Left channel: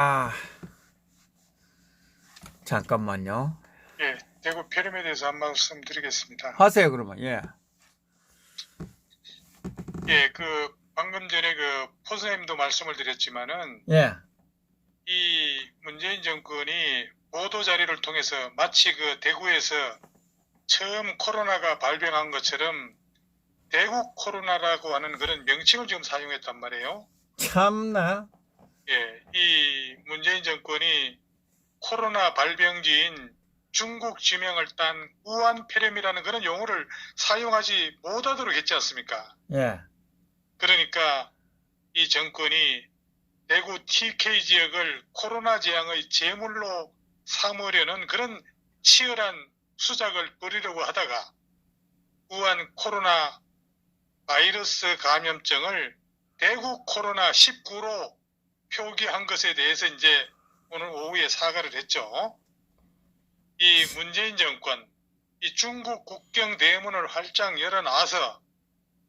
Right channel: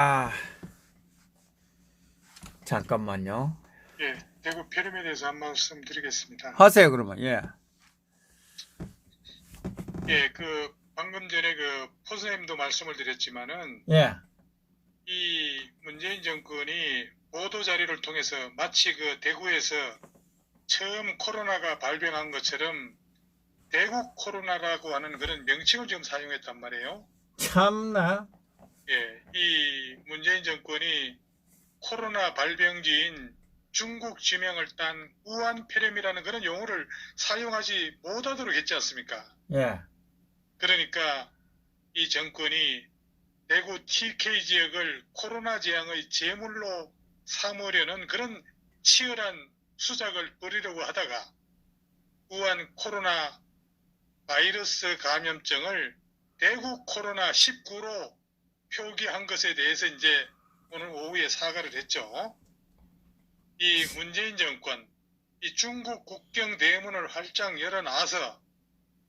아, 잠깐만요. 예, 대구 폐렴에 대해서 한 말씀 드리겠습니다. 하세요, 그러면. 예. 예, 방금 전에 포스님도 말씀을 드렸지만은, 예. 이 문재인 정권이 보도 자료를 통해서 마치 대구에서 처음 코로나가 발병한 것처럼 대구 코로나라고 하는 그런 명칭을 지금 사용했단 말이에요. 참나. 예, 이 문재인 정권이 코로나 발병지인 중국 지명을 딴 우한 폐렴이라는 그런 용어를 사용하지 못하도록 했지 않습니까? 예. 그러니까 이 정권이 대구 TK 지역을 코로나 재앙의 제물로 삼으려는 그런 치열한 수작을 벌이려고 하다가 우한 코로나 바이러스 감염증을 대구 코로나19로 표기한 것에 대해서 이제 오늘 오후에 사과를 했죠. 이 문재인 정권, 이 중국 국경 대문을 활짝 열어놔서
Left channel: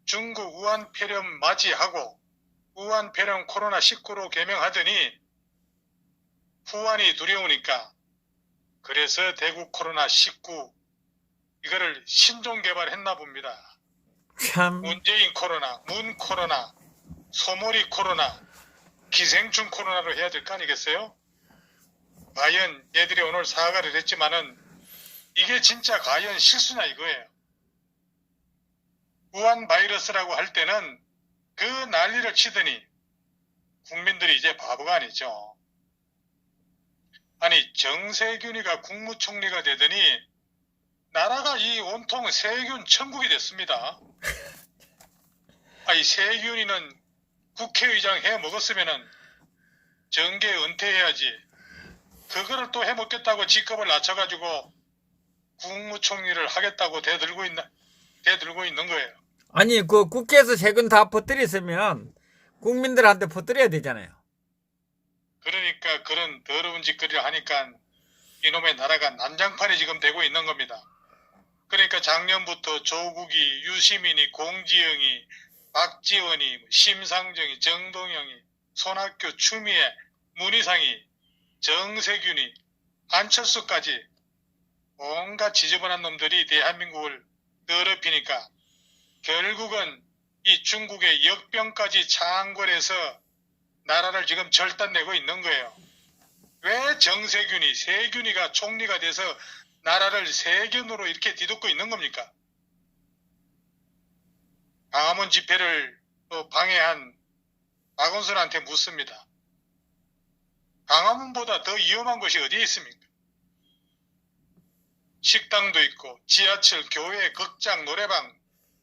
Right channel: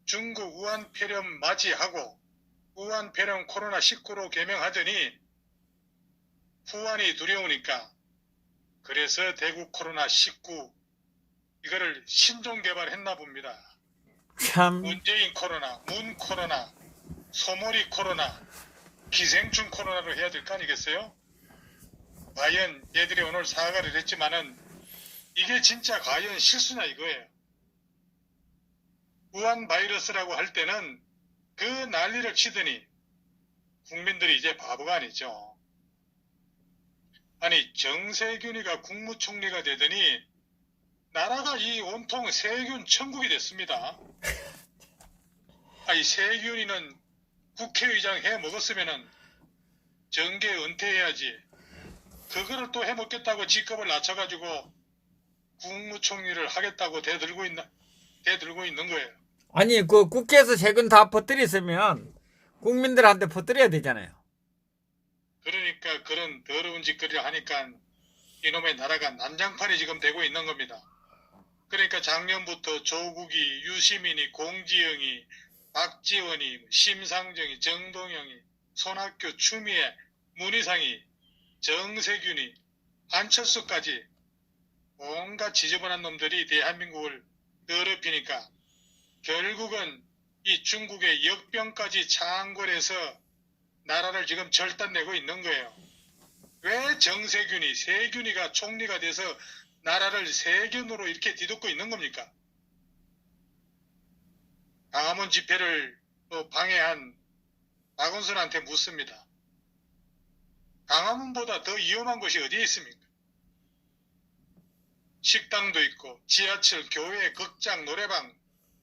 중국 우한 폐렴 맞이하고 우한 폐렴 코로나19로 개명하더니 후환이 두려우니까 그래서 대구 코로나19 이거를 신종 개발했나 봅니다. 참. 문재인 코로나, 문 코로나, 소몰이 코로나, 기생충 코로나로 해야 될 거 아니겠어요? 과연 얘들이 오늘 사과를 했지만은 이게 진짜 과연 실수냐 이거예요. 우한 바이러스라고 할 때는 그 난리를 치더니 국민들이 이제 바보가 아니죠. 아니 정세균이가 국무총리가 되더니 나라가 이 온통 세균 천국이 됐습니다. 아니 세균이는 국회의장 해 먹었으면은 정계 은퇴해야지. 그거를 또 해먹겠다고 직급을 낮춰가지고 국무총리를 하겠다고 대들고 있는 거예요. 아니, 국회에서 세금 다 퍼뜨렸으면 국민들한테 퍼뜨려야 되잖아요. 그러니까 그런 더러운 짓거리를 하니까 이놈의 나라가 난장판이 지금 되고 있는 겁니다. 그러니까 작년부터 조국이, 유시민이, 공지영이, 박지원이, 심상정이, 정동영이, 손학규, 추미애, 문희상이, 정세균이, 안철수까지 온갖 지저분한 놈들이 대한민국을 더럽히니까 결국은 이 중국의 역병까지 창궐해서 나라를 지금 절단내고 있는 거예요. 왜 정세균이, 세균이가 총리가 돼서 나라를 세균으로 이렇게 뒤덮고 있는 겁니까? 광화문 집회를 방해한 박원순한테 묻습니다. 광화문보다 더 위험한 곳이 어디에 있습니까? 식당도 있고 지하철, 교회, 극장, 노래방,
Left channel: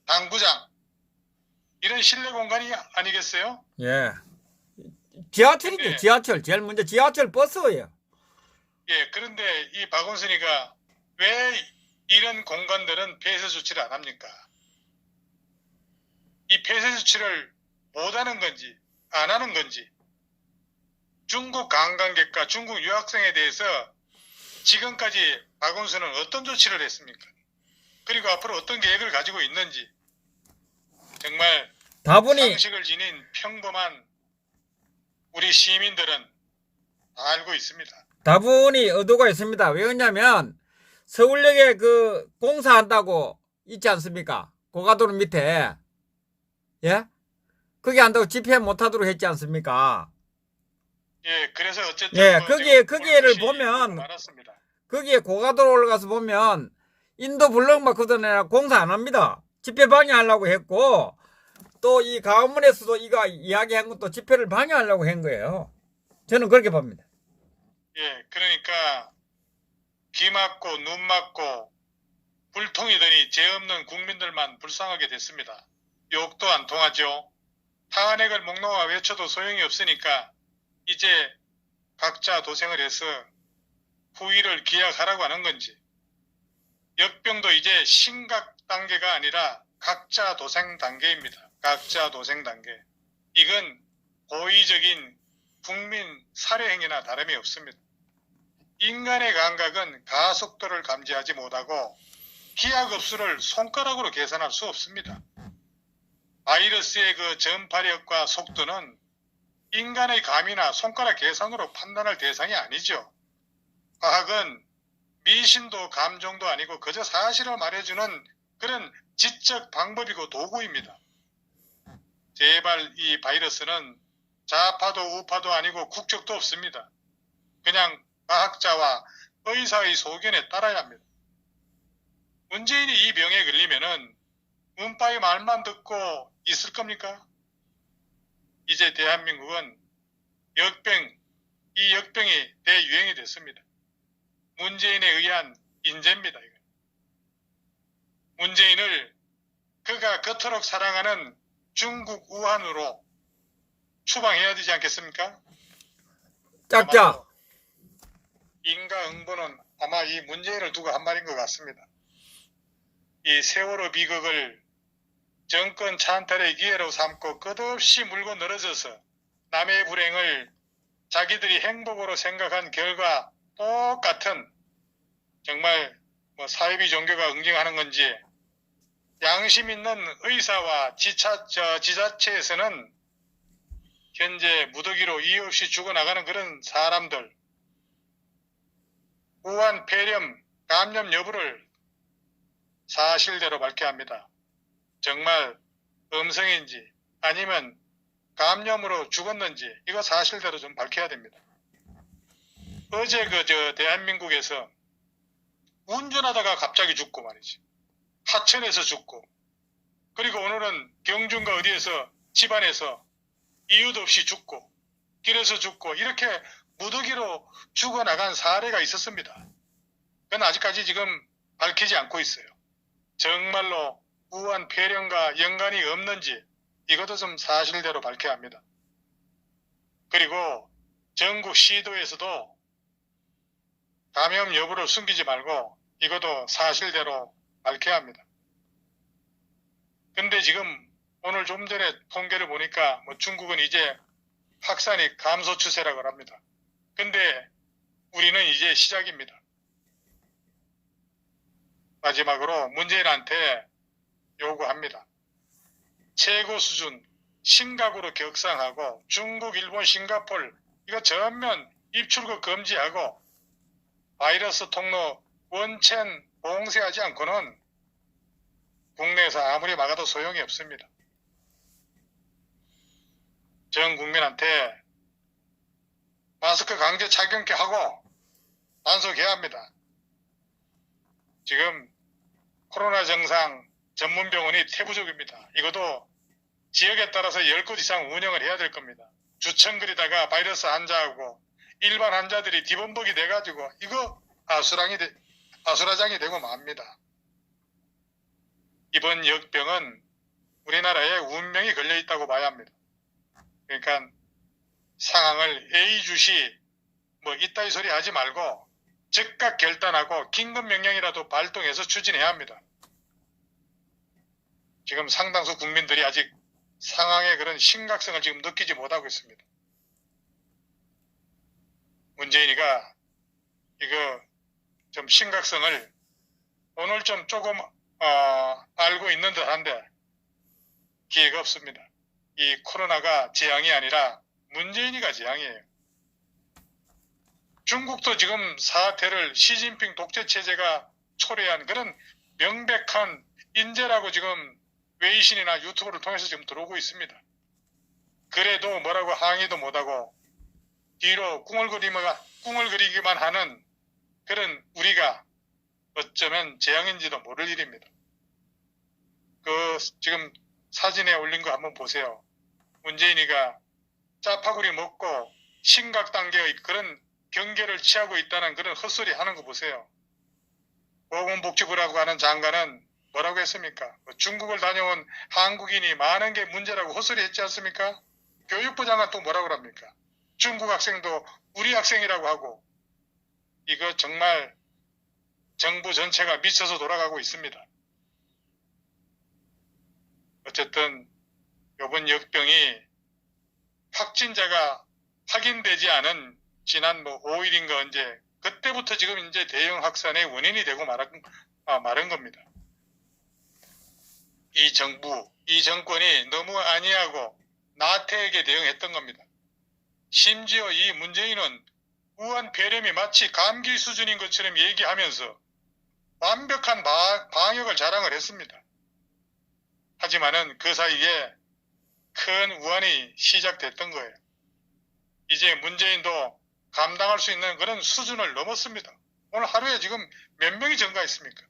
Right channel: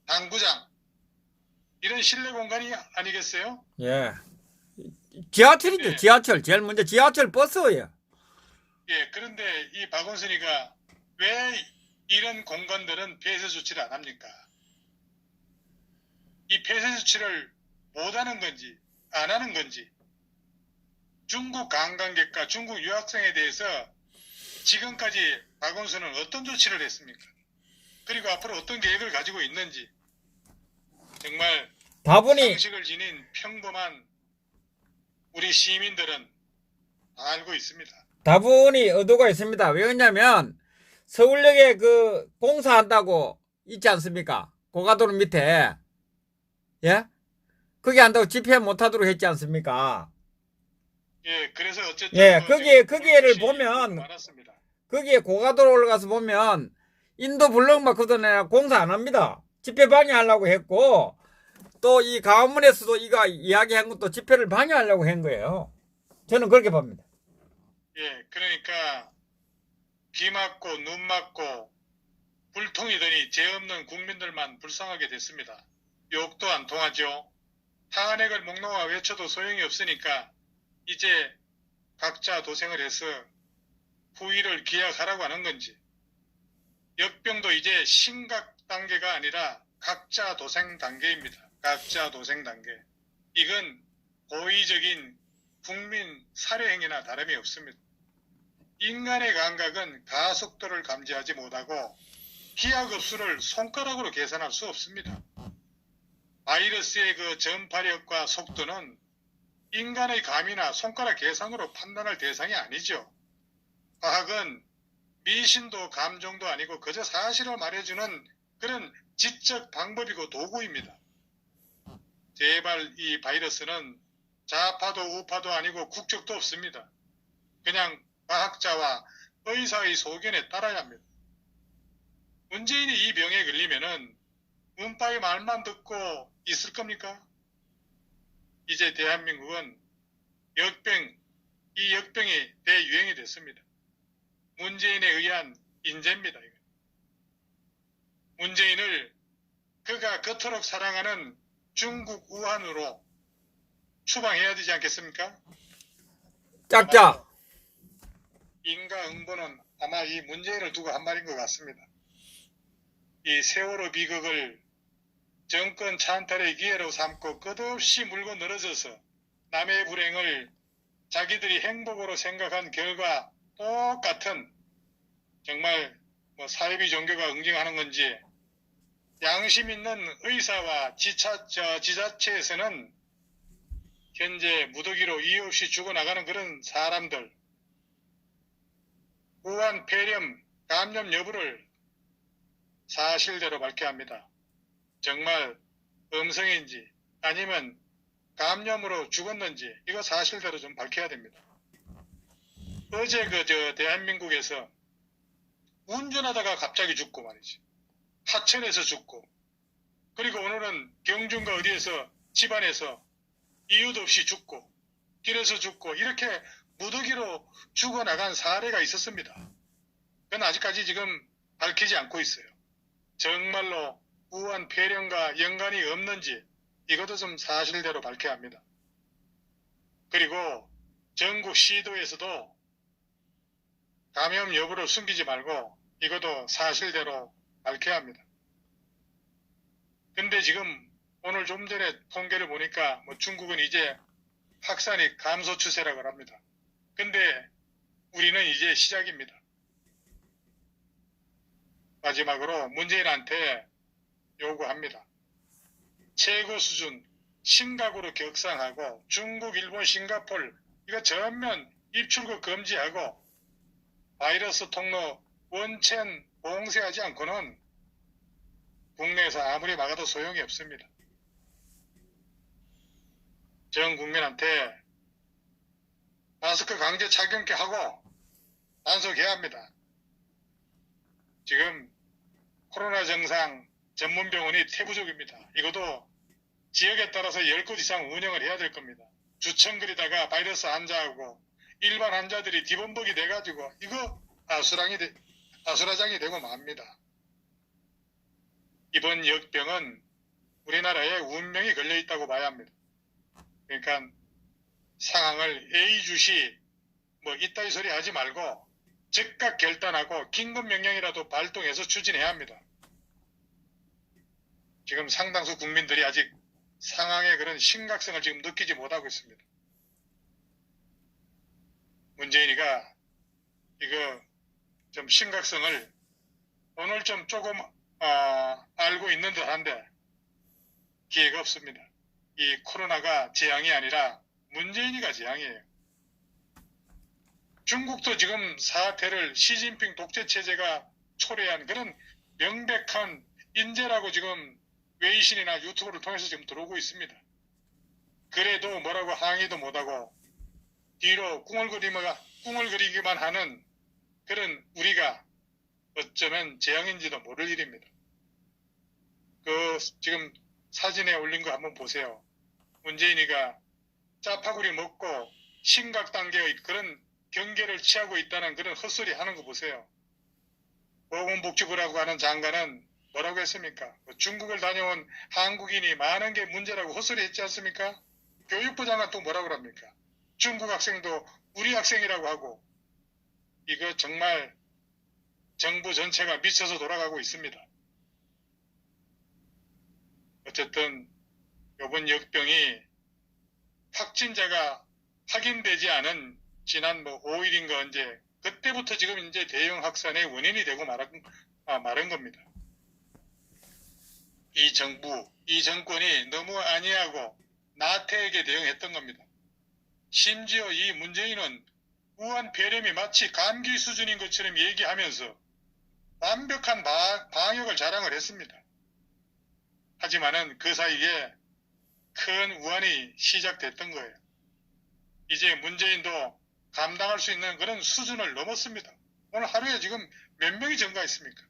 당구장 이런 실내 공간이 아니겠어요? 예. 지하철이죠, 예. 지하철. 제일 먼저 지하철 버스예요. 예, 그런데 이 박원순이가 왜 이런 공간들은 폐쇄 조치를 안 합니까? 이 폐쇄 조치를 못하는 건지 안 하는 건지 중국 관광객과 중국 유학생에 대해서 지금까지 박원순은 어떤 조치를 했습니까? 그리고 앞으로 어떤 계획을 가지고 있는지 정말 다분히, 상식을 지닌 평범한 우리 시민들은 다 알고 있습니다. 다분히 의도가 있습니다. 왜냐면 서울역에 공사한다고 있지 않습니까? 고가도로 밑에. 예? 거기 한다고 집회 못하도록 했지 않습니까? 예, 그래서 어쨌든 예, 지금 거기에를 볼것이 보면, 많았습니다. 거기에 고가도로 올라가서 보면, 인도 블럭만 걷어내야 공사 안 합니다. 집회 방해하려고 했고, 또 이 광화문에서도 이거 이야기한 것도 집회를 방해하려고 한 거예요. 저는 그렇게 봅니다. 예, 그러니까 비 맞고 눈 맞고 불통이더니 죄 없는 국민들만 불쌍하게 됐습니다. 욕도 안 통하죠. 탄핵을 목놓아 외쳐도 소용이 없으니까 이제 각자 도생을 해서 후일을 기약하라고 하는 건지 역병도 이제 심각 단계가 아니라 각자 도생 단계입니다. 각자 도생 단계. 이건 고의적인 국민 살해 행위나 다름이 없습니다. 인간의 감각은 가속도를 감지하지 못하고 기하급수를 손가락으로 계산할 수 없습니다. 바이러스의 전파력과 속도는 인간의 감이나 손가락 계산으로 판단할 대상이 아니죠. 과학은 미신도 감정도 아니고 그저 사실을 말해주는 그런 지적 방법이고 도구입니다. 제발 이 바이러스는 좌파도 우파도 아니고 국적도 없습니다. 그냥 과학자와 의사의 소견에 따라야 합니다. 문재인이 이 병에 걸리면은 문파의 말만 듣고 있을 겁니까? 이제 대한민국은 이 역병이 대유행이 됐습니다. 문재인에 의한 인재입니다. 이거. 문재인을 그가 그토록 사랑하는 중국 우한으로 추방해야 되지 않겠습니까? 짝짝. 인과응보는 아마 이 문재인을 두고 한 말인 것 같습니다. 이 세월호 비극을 정권 찬탈의 기회로 삼고 끝없이 물고 늘어져서 남의 불행을 자기들이 행복으로 생각한 결과 똑같은 정말 사이비 종교가 응징하는 건지 양심 있는 의사와 지자체에서는 현재 무더기로 이유 없이 죽어나가는 그런 사람들 우한 폐렴 감염 여부를 사실대로 밝혀야 합니다. 정말 음성인지 아니면 감염으로 죽었는지 이거 사실대로 좀 밝혀야 됩니다. 어제 대한민국에서 운전하다가 갑자기 죽고 말이지. 하천에서 죽고 그리고 오늘은 경주인가 어디에서 집안에서 이유도 없이 죽고 길에서 죽고 이렇게 무더기로 죽어나간 사례가 있었습니다. 그건 아직까지 지금 밝히지 않고 있어요. 정말로 우한 폐렴과 연관이 없는지 이것도 좀 사실대로 밝혀야 합니다. 그리고 전국 시도에서도 감염 여부를 숨기지 말고 이것도 사실대로 밝혀야 합니다. 근데 지금 오늘 좀 전에 통계를 보니까 중국은 이제 확산이 감소 추세라고 합니다. 근데 우리는 이제 시작입니다. 마지막으로 문재인한테 요구합니다. 최고 수준 심각으로 격상하고 중국, 일본, 싱가포르 이거 전면 입출국 금지하고 바이러스 통로 원천 봉쇄하지 않고는 국내에서 아무리 막아도 소용이 없습니다. 전 국민한테 마스크 강제 착용케 하고 단속해야 합니다. 지금 코로나 증상 전문병원이 태부족입니다. 이것도 지역에 따라서 10곳 이상 운영을 해야 될 겁니다. 주천거리다가 바이러스 환자하고 일반 환자들이 뒤범벅이 돼가지고 이거 아수라장이 되고 맙니다. 이번 역병은 우리나라에 운명이 걸려있다고 봐야 합니다. 그러니까 상황을 예의주시 이따위 소리 하지 말고 즉각 결단하고 긴급명령이라도 발동해서 추진해야 합니다. 지금 상당수 국민들이 아직 상황의 그런 심각성을 지금 느끼지 못하고 있습니다. 문재인이가 이거 좀 심각성을 오늘 좀 조금 알고 있는 듯한데 기회가 없습니다. 이 코로나가 재앙이 아니라 문재인이가 재앙이에요. 중국도 지금 사태를 시진핑 독재 체제가 초래한 그런 명백한 인재라고 지금 외신이나 유튜브를 통해서 지금 들어오고 있습니다. 그래도 뭐라고 항의도 못하고 뒤로 꿈을 그리기만 하는 그런 우리가 어쩌면 재앙인지도 모를 일입니다. 지금 사진에 올린 거 한번 보세요. 문재인이가 짜파구리 먹고 심각 단계의 그런 경계를 취하고 있다는 그런 헛소리 하는 거 보세요. 보건복지부라고 하는 장관은 뭐라고 했습니까? 중국을 다녀온 한국인이 많은 게 문제라고 헛소리 했지 않습니까? 교육부 장관 또 뭐라고 합니까? 중국 학생도 우리 학생이라고 하고 이거 정말 정부 전체가 미쳐서 돌아가고 있습니다. 어쨌든 이번 역병이 확진자가 확인되지 않은 지난 5일인가 언제 그때부터 지금 이제 대형 확산의 원인이 되고 말은 겁니다. 이 정부, 이 정권이 너무 안이하고 나태하게 대응했던 겁니다. 심지어 이 문재인은 우한 폐렴이 마치 감기 수준인 것처럼 얘기하면서 완벽한 방역을 자랑을 했습니다. 하지만은 그 사이에 큰 우한이 시작됐던 거예요. 이제 문재인도 감당할 수 있는 그런 수준을 넘었습니다. 오늘 하루에 지금 몇 명이 증가했습니까?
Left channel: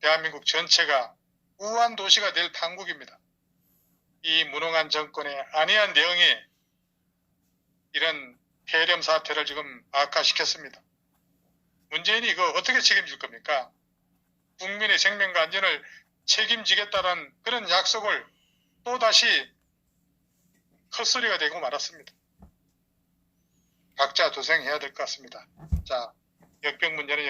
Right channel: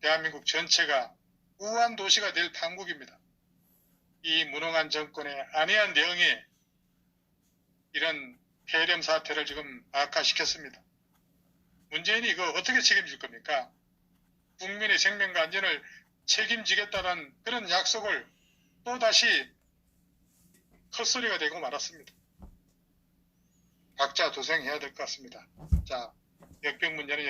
대한민국 전체가 우한 도시가 될 판국입니다. 이 무능한 정권의 안이한 대응이 이런 폐렴 사태를 지금 악화시켰습니다. 문재인이 이거 어떻게 책임질 겁니까? 국민의 생명과 안전을 책임지겠다는 그런 약속을 또다시 헛소리가 되고 말았습니다. 각자 도생해야 될 것 같습니다. 자, 역병 문제는